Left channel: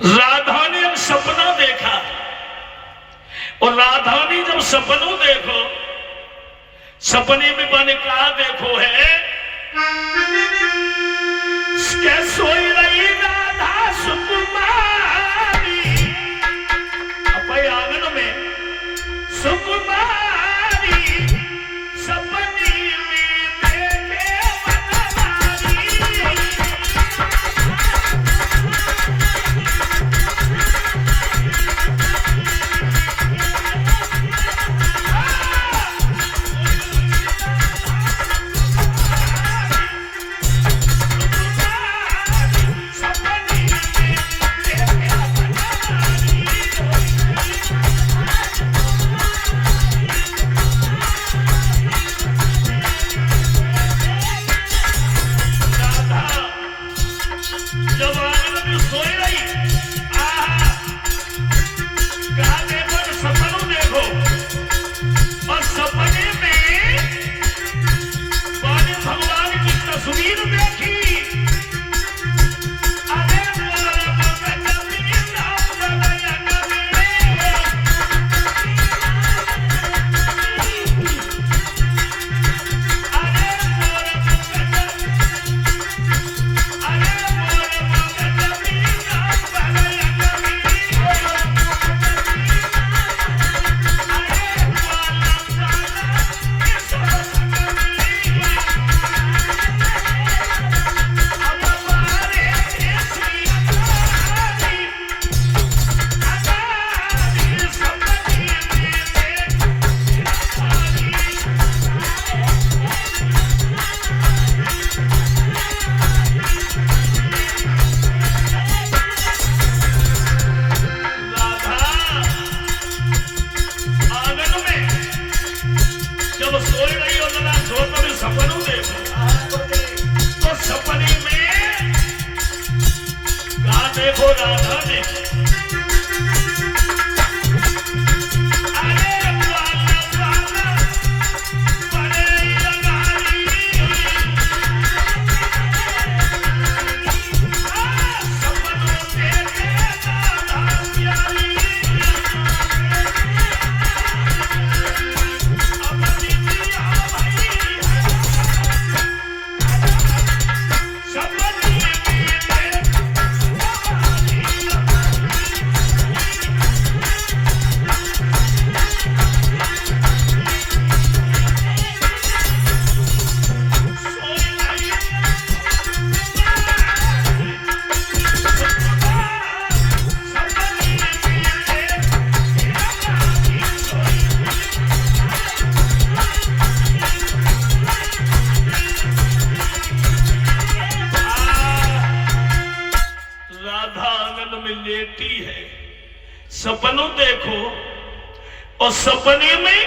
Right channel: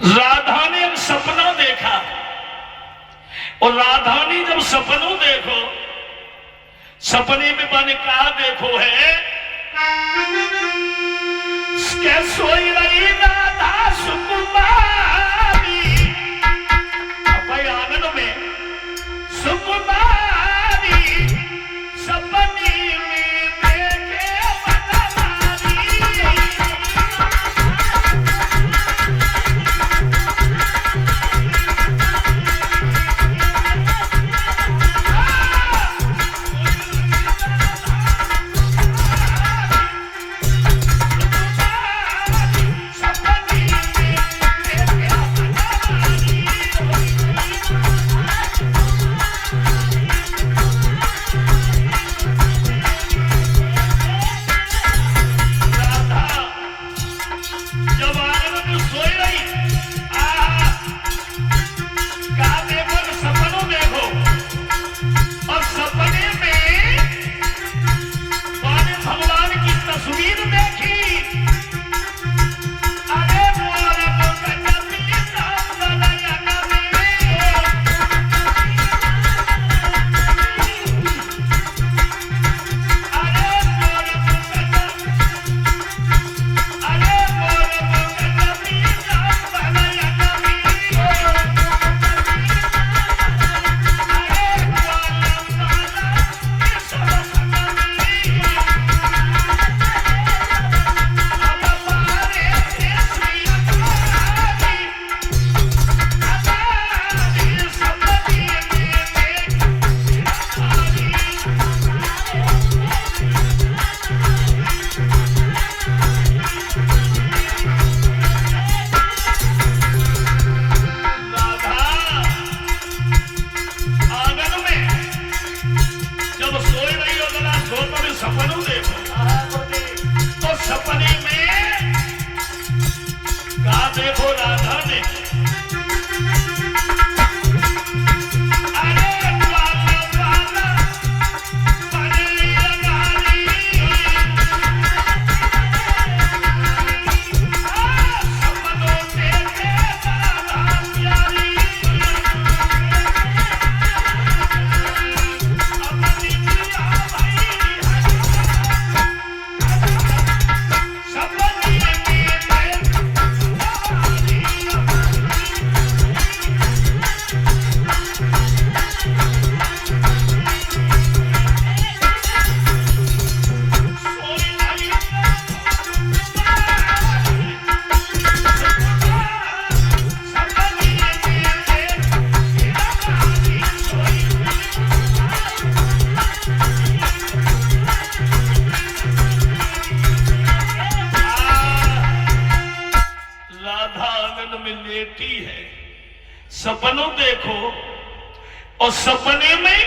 राधा ने एक सपना देखा और राधा ने जब सपनों देखो, सपने में मैंने कहा देखो है सोई रही राधा सुकुमारी, अपने आंगन में सुकुमारी सपने में देखे बनवारी। सपनों देखो और सपने में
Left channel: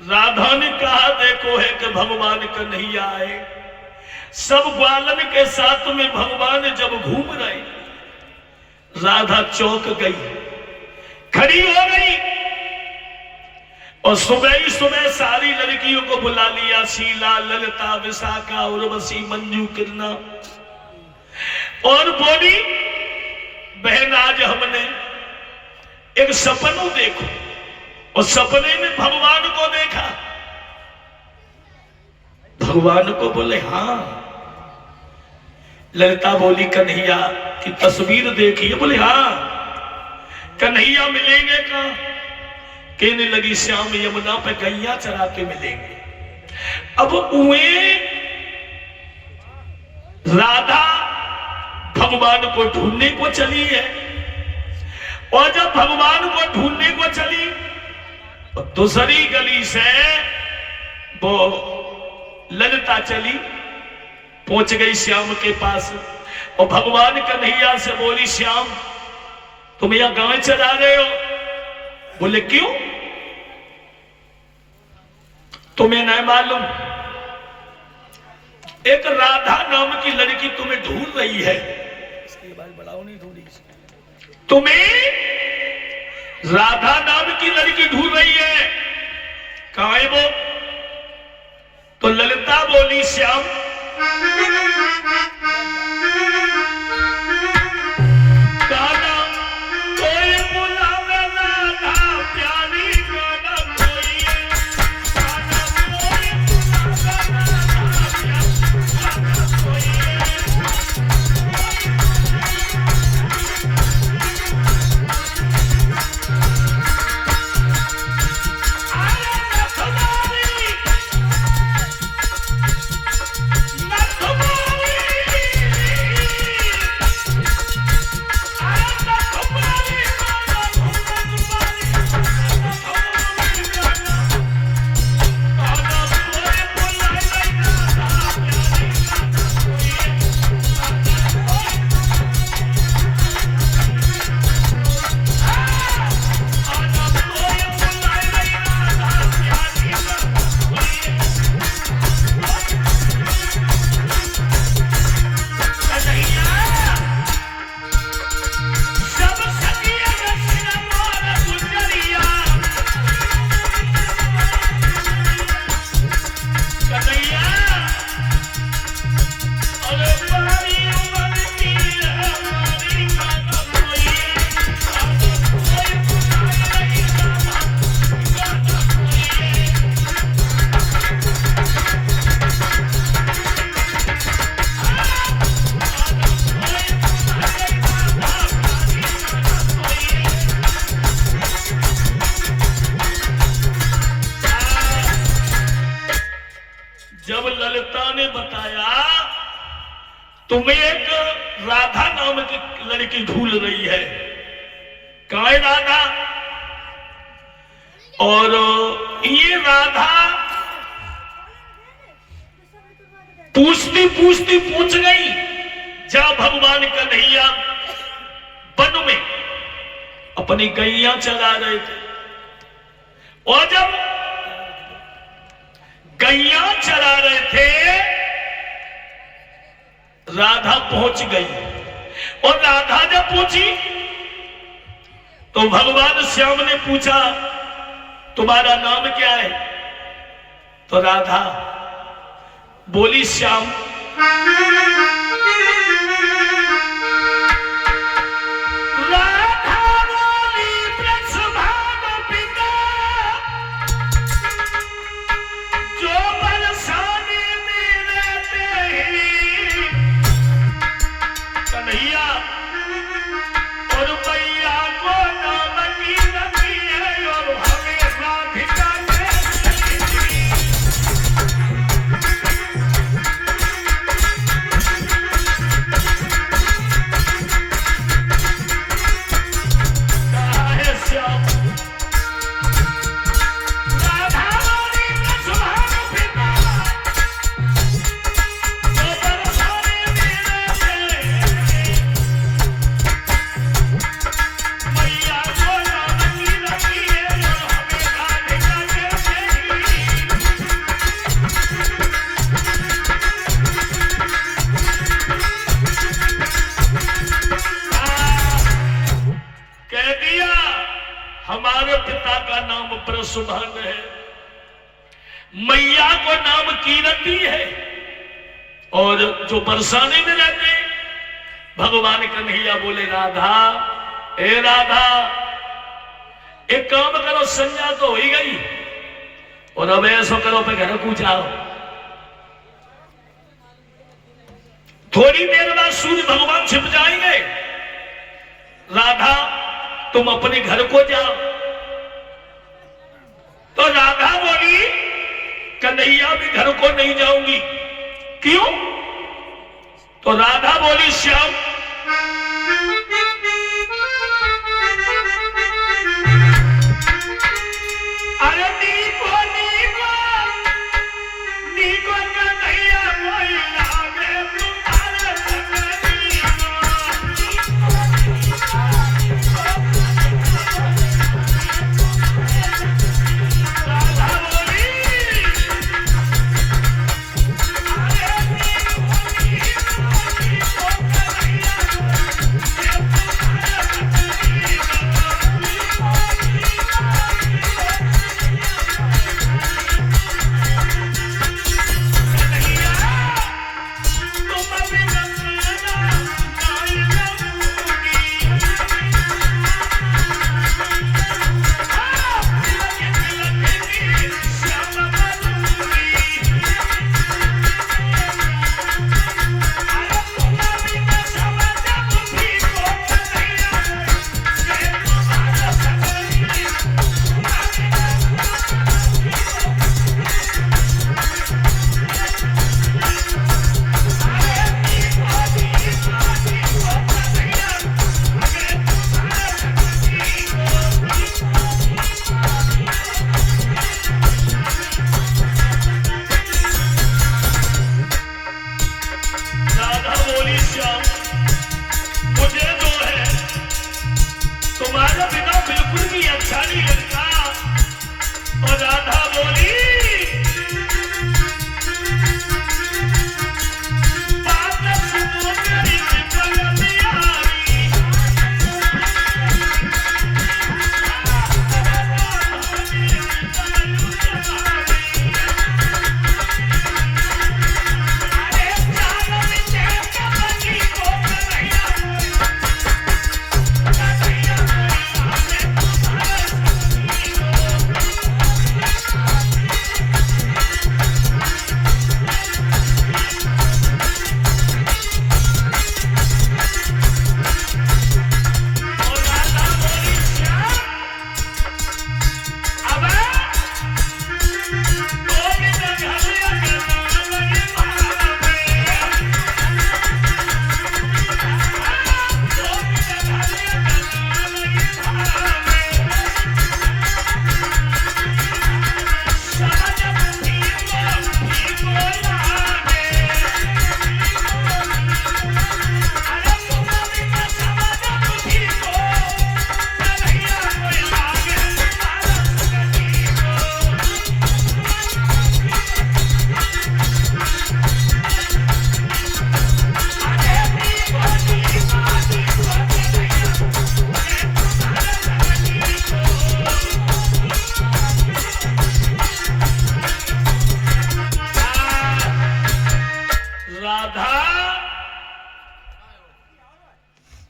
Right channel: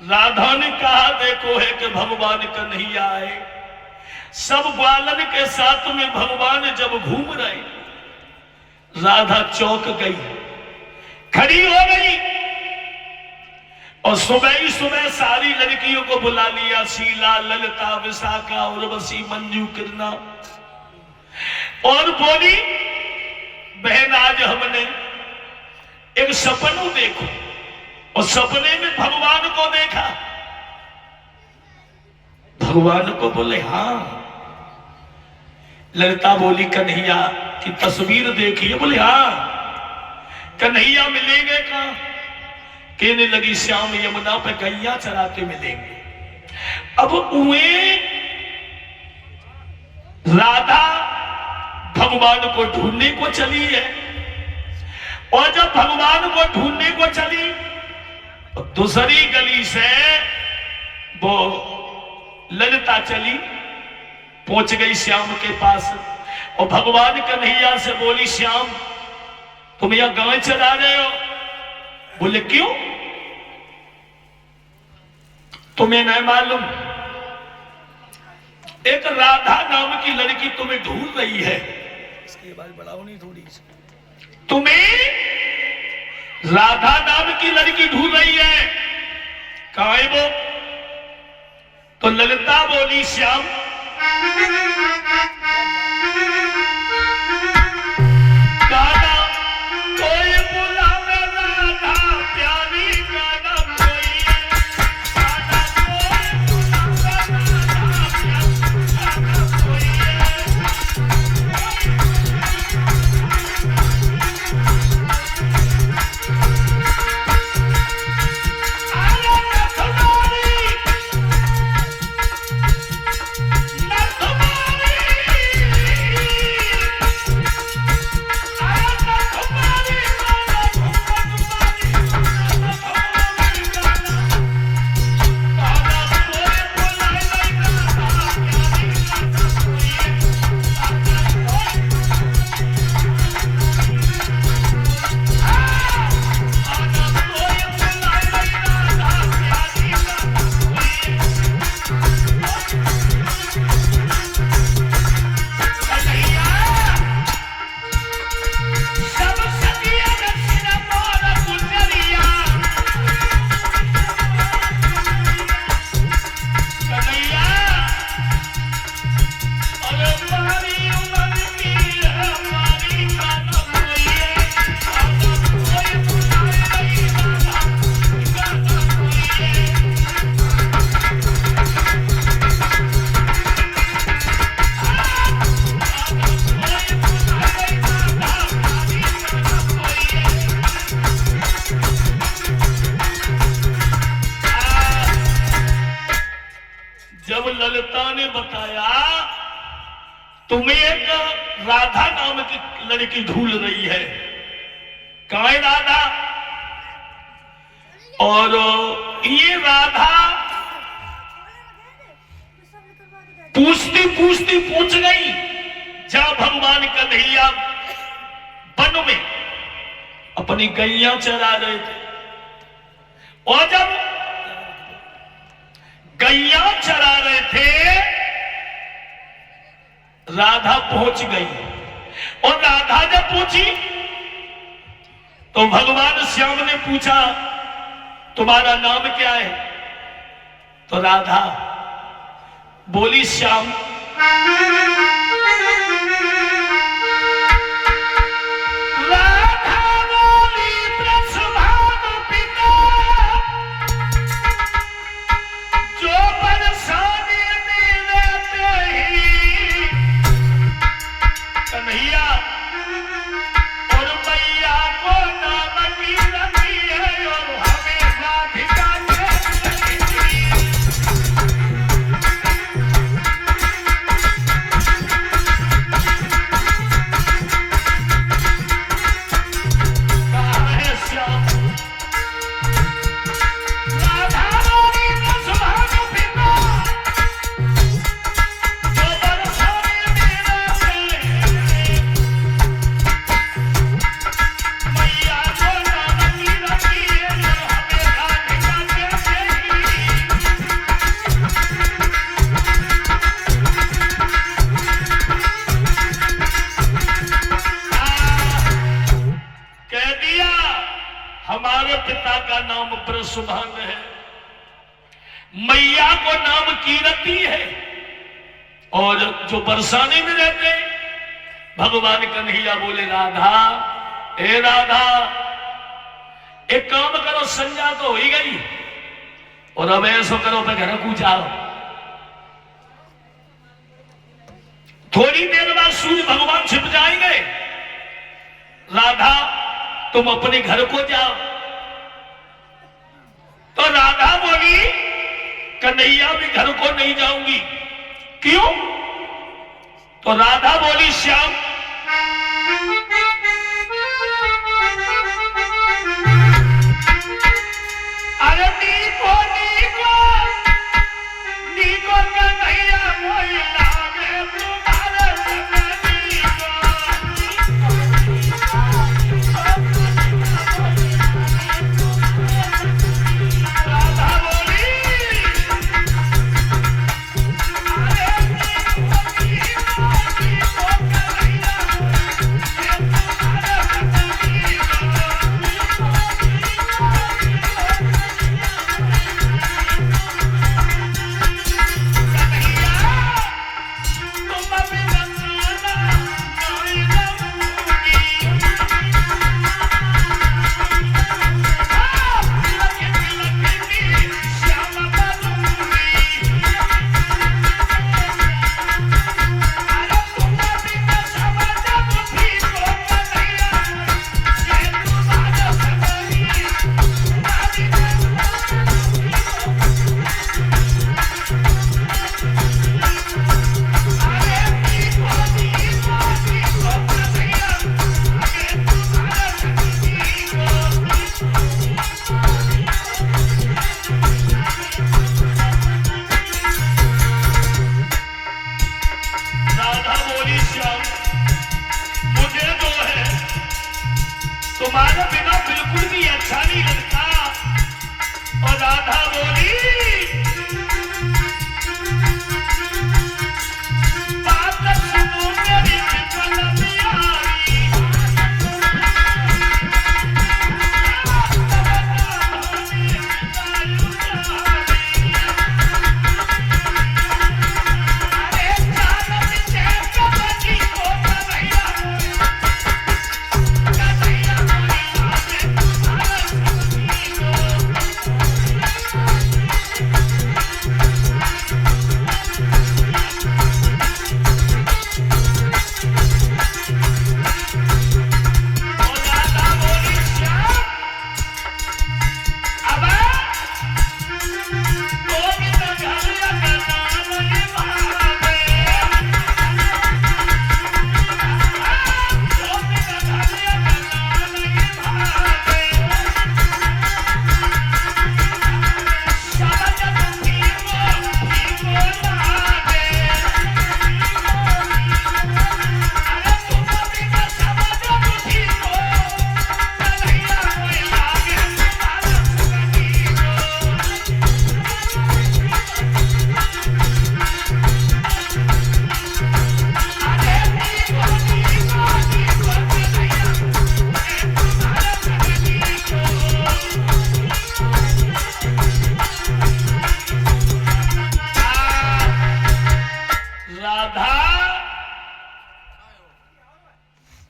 राधा ने कहा देखो है कि भगवान कन्हैया आए। सब ग्वालन के साथ में भगवान जब घूम रहे, राधा चौंक गई, खड़ी हो गई और सुबह ही सुबह सारी लड़कियों को बुला लिया, शीला, ललिता, विशाखा, उर्वशी, मंजू, किरणा, और बोली बहन आज हमने एक सपनों देखो और सपने में भगवान को देखा। भगवान को बोले हाँ। ललिता बोली कन्हैया की तस्वीर देखी है? बोले हाँ। कन्हैया मिलेंगे कहाँ? कहने लगी श्याम यमुना पे गैया चरा के मिलेंगे। अब उए राधा भगवान को ढूंढने को चली है और जब भगवान को ढूंढने को चली तो दूसरी गली से वो ललिता चली, पहुंच गई श्याम के पास और भगवान कन्हैया से बोली श्याम तुम यहां गांव चला रहे हो? बोले क्यों? तुम्हें नहीं मालूम एक राधा नाम की लड़की तुम्हें ढूंढ रही है। इसकी आवाज बढ़ाओ नहीं थोड़ी। तुम्हें राधा नाम की लड़की ढूंढ रही है, कहां है वो? तो ललिता बोली श्याम तुम्हें एक राधा नाम की लड़की ढूंढ रही है। कहाँ है राधा? और ये राधा पूछती पूछती पूछ गई। जब भगवान कन्हैया वन में अपनी गैया चरा रहे थे, और जब गैया चरा रहे थे राधा पहुंच गई। और राधा जब पूछी तो भगवान श्याम ने पूछा तुम्हारा नाम क्या है? तो राधा बोली श्याम। राधा बोली ब्रजभानु पिता, जो बरसाने में रहते ही कन्हैया और मैया को नाम की रखी है, और हमें राधिका हमारे पिता का नाम ब्रजभान है, मैया को नाम कीरति है, और जो बरसाने में रहते हैं। भगवान कन्हैया बोले राधा, ए राधा, एक काम करो, संज्ञा तो हो ही गई, और अब ऐसा करो पे घर को जाओ। थोड़ी देर बाद सूर्य भगवान छिप जाएंगे। राधा तुम अपने घर को जाओ। तो राधा बोली कन्हैया भी घर को नहीं जाऊंगी। क्यों? तो राधा बोली श्याम, अरे नीको नीको नीको कन्हैया कोई लागे तुम्हारे संग राधा बोली अरे नीको नीको नीको कन्हैया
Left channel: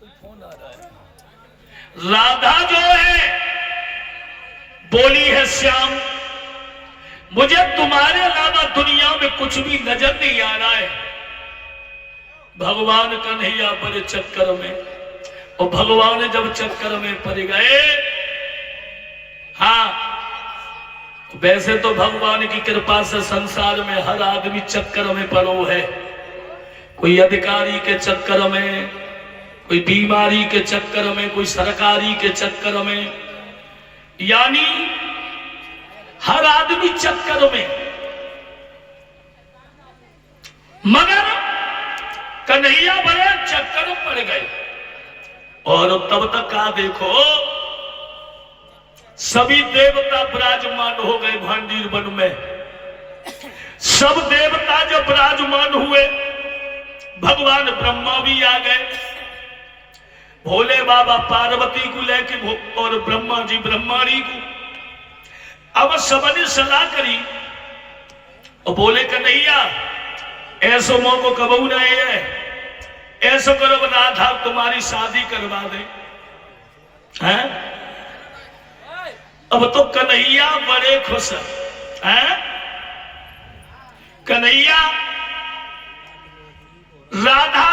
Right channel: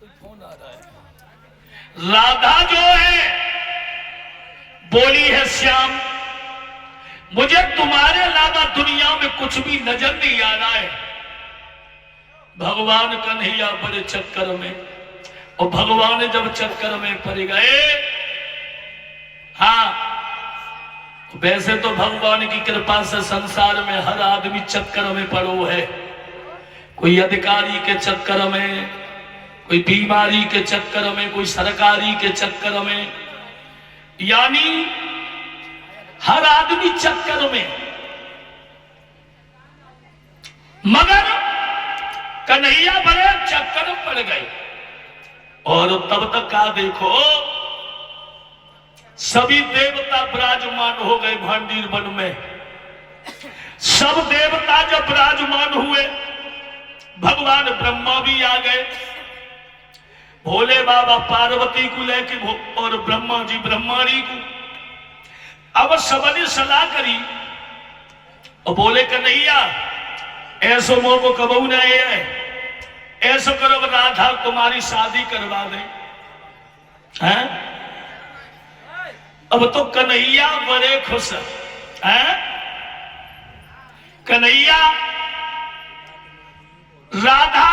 कोई फोन आ रहा है। राधा जो है बोली है श्याम, मुझे तुम्हारे अलावा दुनिया में कुछ भी नजर नहीं आ रहा है। भगवान कन्हैया बड़े चक्कर में, और भगवान जब चक्कर में पड़ गए, हाँ वैसे तो भगवान की कृपा से संसार में हर आदमी चक्कर में पड़ो है। कोई अधिकारी के चक्कर में, कोई बीमारी के चक्कर में, कोई सरकारी के चक्कर में, यानी हर आदमी चक्कर में। मगर कन्हैया बड़े चक्कर में पड़ गए। और तब तक का देखो सभी देवता विराजमान हो गए भांडीर वन में। सब देवता जब विराजमान हुए, भगवान ब्रह्मा भी आ गए, भोले बाबा पार्वती को लेके और ब्रह्मा जी ब्रह्माणी को। अब सबने सलाह करी और बोले कन्हैया ऐसो मौको कबू नहीं है, ऐसा करो राधा तुम्हारी शादी करवा दे। हैं? अब तो कन्हैया बड़े खुश हैं। कन्हैया राधा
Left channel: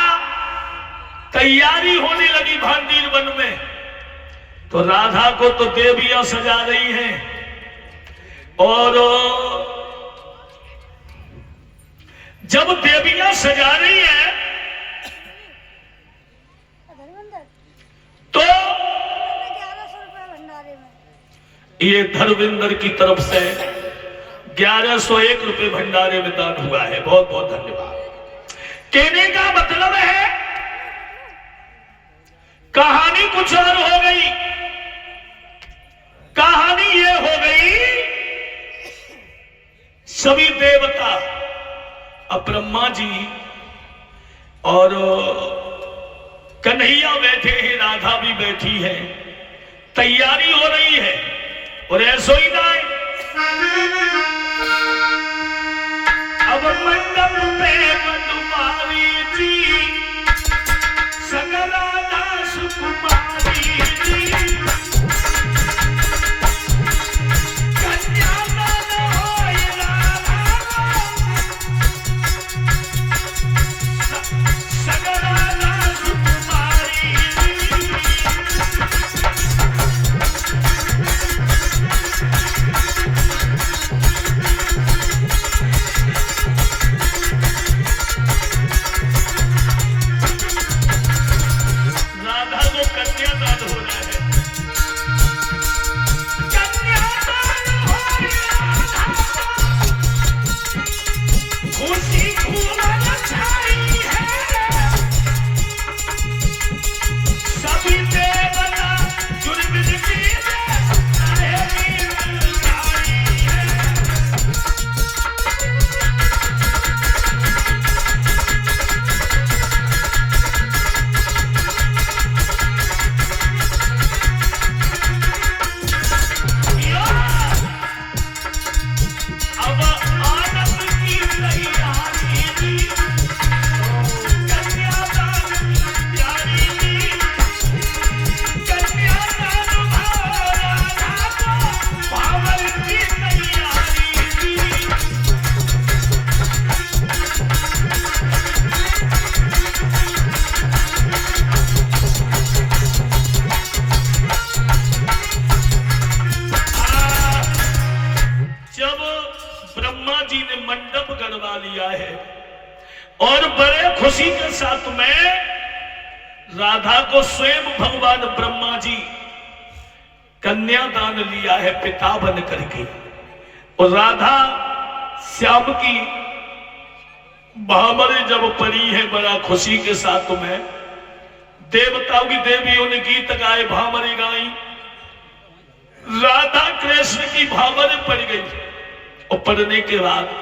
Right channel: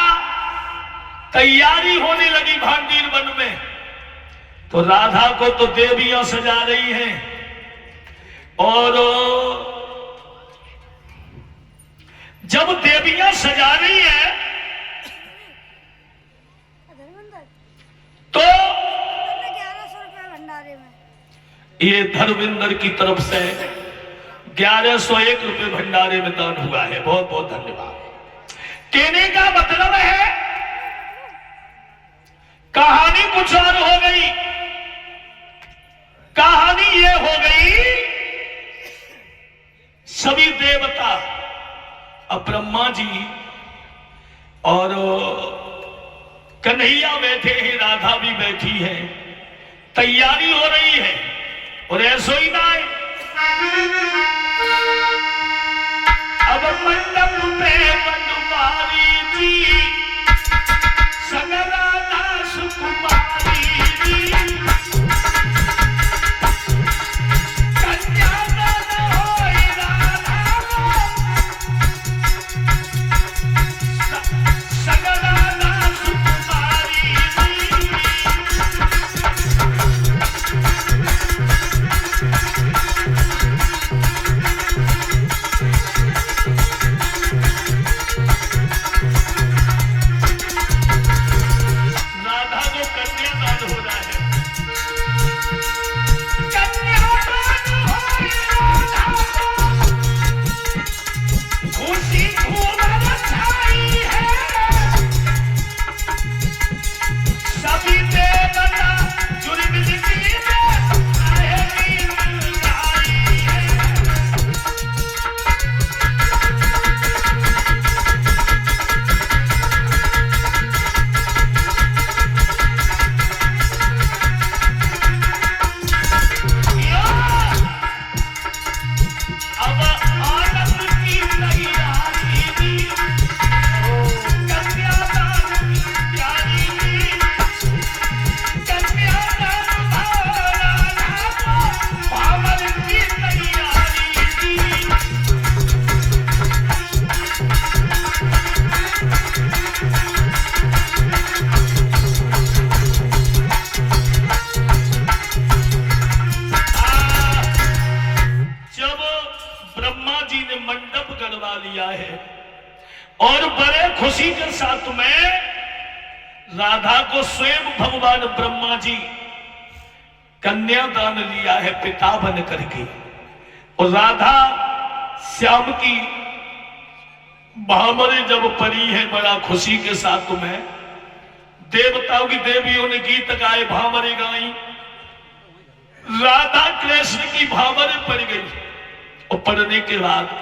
तैयारी होने लगी भांडीर वन में, तो राधा को तो देवियां सजा रही हैं। और जब देवियां सजा रही है तो ये धर्मेंद्र की तरफ से 1101 रुपए भंडारे में दान हुआ है। बहुत बहुत धन्यवाद। कहने का मतलब है कहानी कुछ और हो गई। कहानी ये हो गई, सभी देवता अब ब्रह्मा जी और कन्हैया बैठे हैं, राधा भी बैठी है, तैयारी हो रही है। और ऐसो ही दाए अब मंडप पे मधुमारी जी, सगराधा सुकुमारी जी, कन्यादान होई राधा सगराधा सुकुमारी जी। और बड़े खुशी के साथ में राधा को स्वयं भगवान ब्रह्मा जी कन्यादान लिया है पिता बन करके। और राधा श्याम की महामरी जब पड़ी है, बड़ा खुशी के साथ में देवताओं की देवियों ने गीत गाए, भामरे गाई। राधा कृष्ण की भामरे पड़ गई और पढ़ने के बाद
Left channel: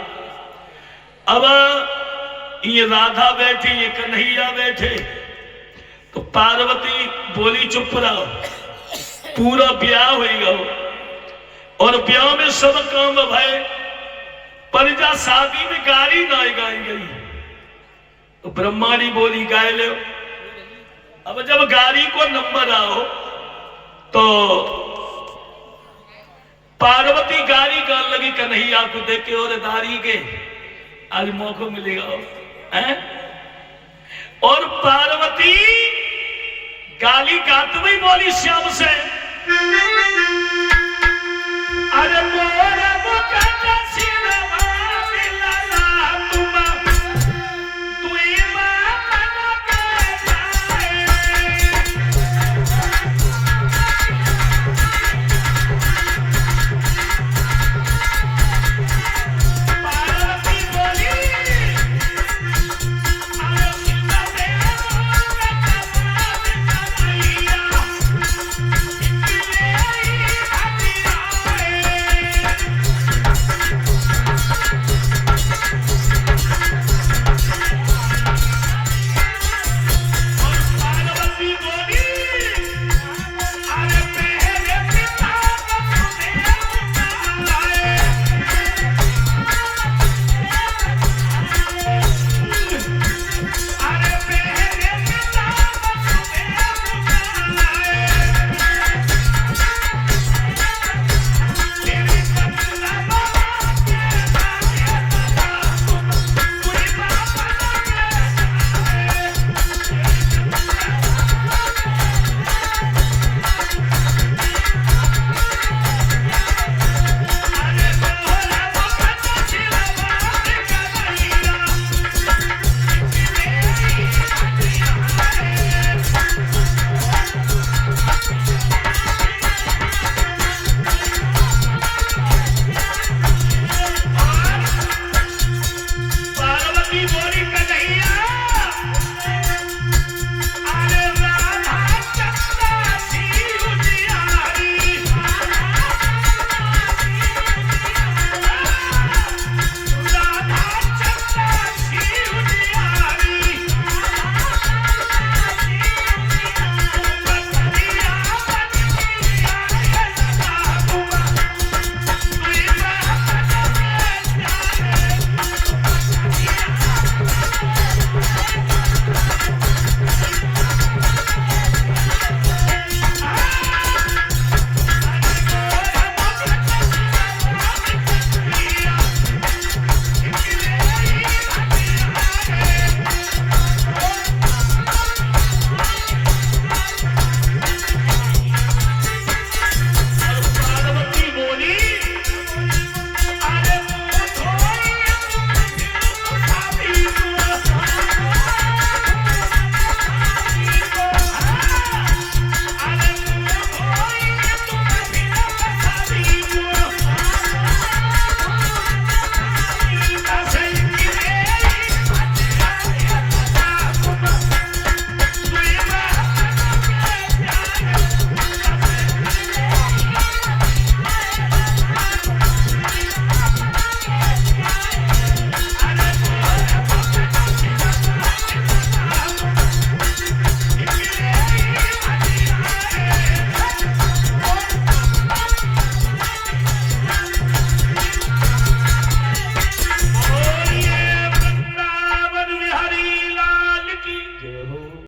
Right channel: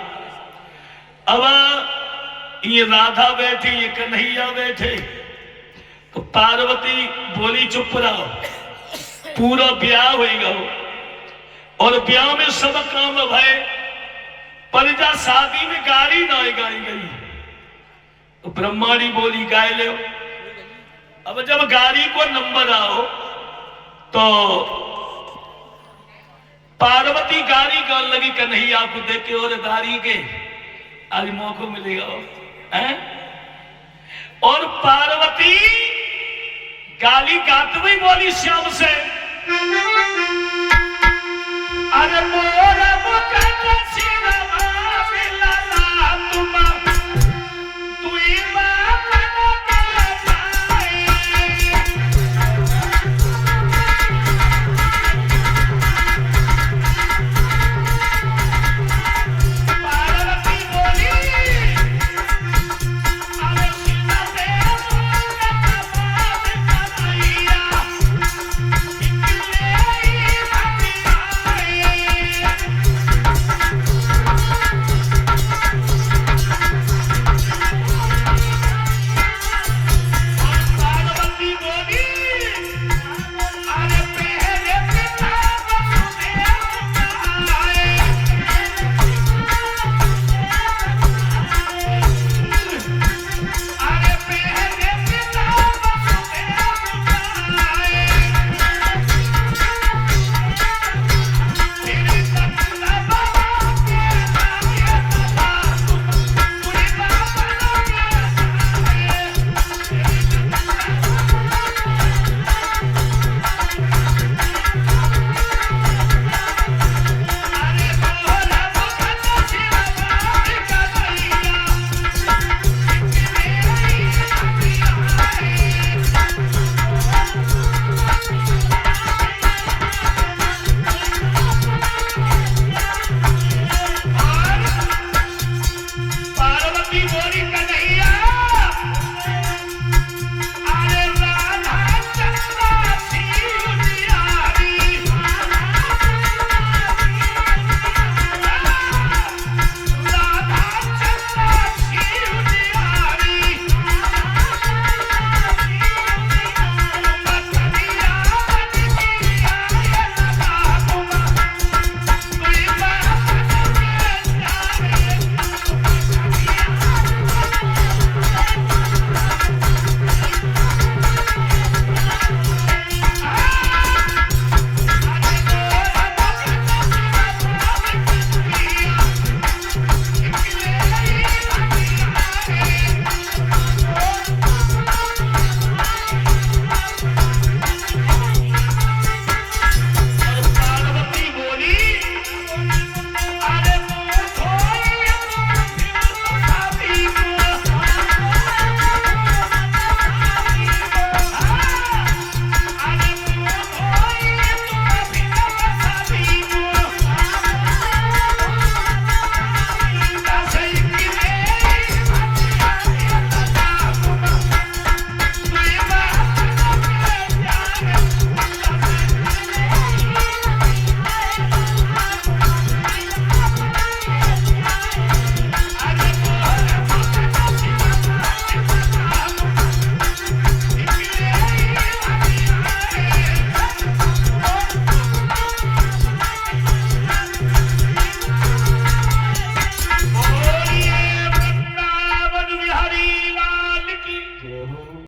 अब ये राधा बैठी, ये कन्हैया बैठे, तो पार्वती बोली चुप रहो, पूरा ब्याह होगा और ब्याह में सब काम भय, पर जा शादी में गाड़ी ना गाई गई। तो ब्रह्माणी बोली गाय ले। अब जब गाड़ी को नंबर आओ तो पार्वती गाड़ी कर लगी कन्हैया को देख के, और गाड़ी के आज मौको मिलेगा है? और पार्वती गाली गाते हुई बोली श्याम से, अरे